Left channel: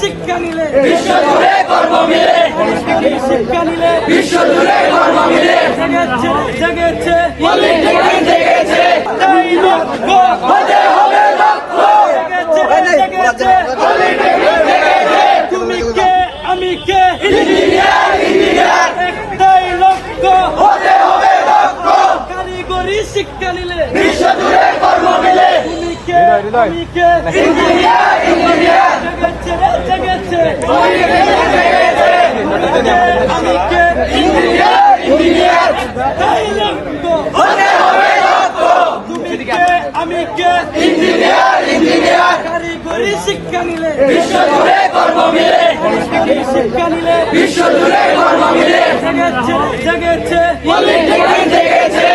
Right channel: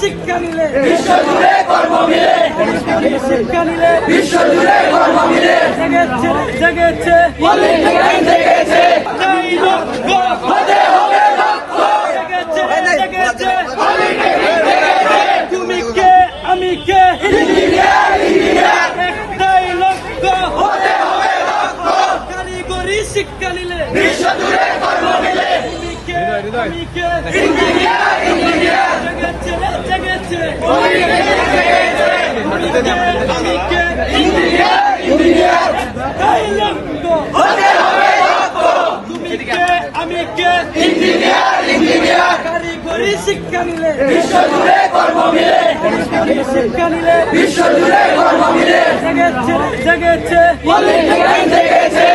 শিক্ষা নিলে বিশ্বজুড়ে কর্ম মিলে, শিক্ষা নিলে বিশ্বজুড়ে কর্ম মিলে, জেগেছে জেগেছে পলিটিক্যাল জেগেছে, এই লক্ষ্য হতে হবে লক্ষ্য, জেগেছে জেগেছে পলিটিক্যাল জেগেছে, তুমি কে আমি কে ইঞ্জিনিয়ার ইঞ্জিনিয়ার, একটাই লক্ষ্য হতে হবে লক্ষ্য, কারিগরি শিক্ষা নিলে বিশ্বজুড়ে কর্ম মিলে, তুমি কে আমি কে ইঞ্জিনিয়ার ইঞ্জিনিয়ার, জেগেছে জেগেছে ইঞ্জিনিয়ার ইঞ্জিনিয়ার, একটাই লক্ষ্য হতে হবে লক্ষ্য, তুমি কে আমি কে ইঞ্জিনিয়ার ইঞ্জিনিয়ার, কারিগরি শিক্ষা নিলে বিশ্বজুড়ে কর্ম মিলে, শিক্ষা নিলে বিশ্বজুড়ে কর্ম মিলে, জেগেছে জেগেছে পলিটিক্যাল জেগেছে।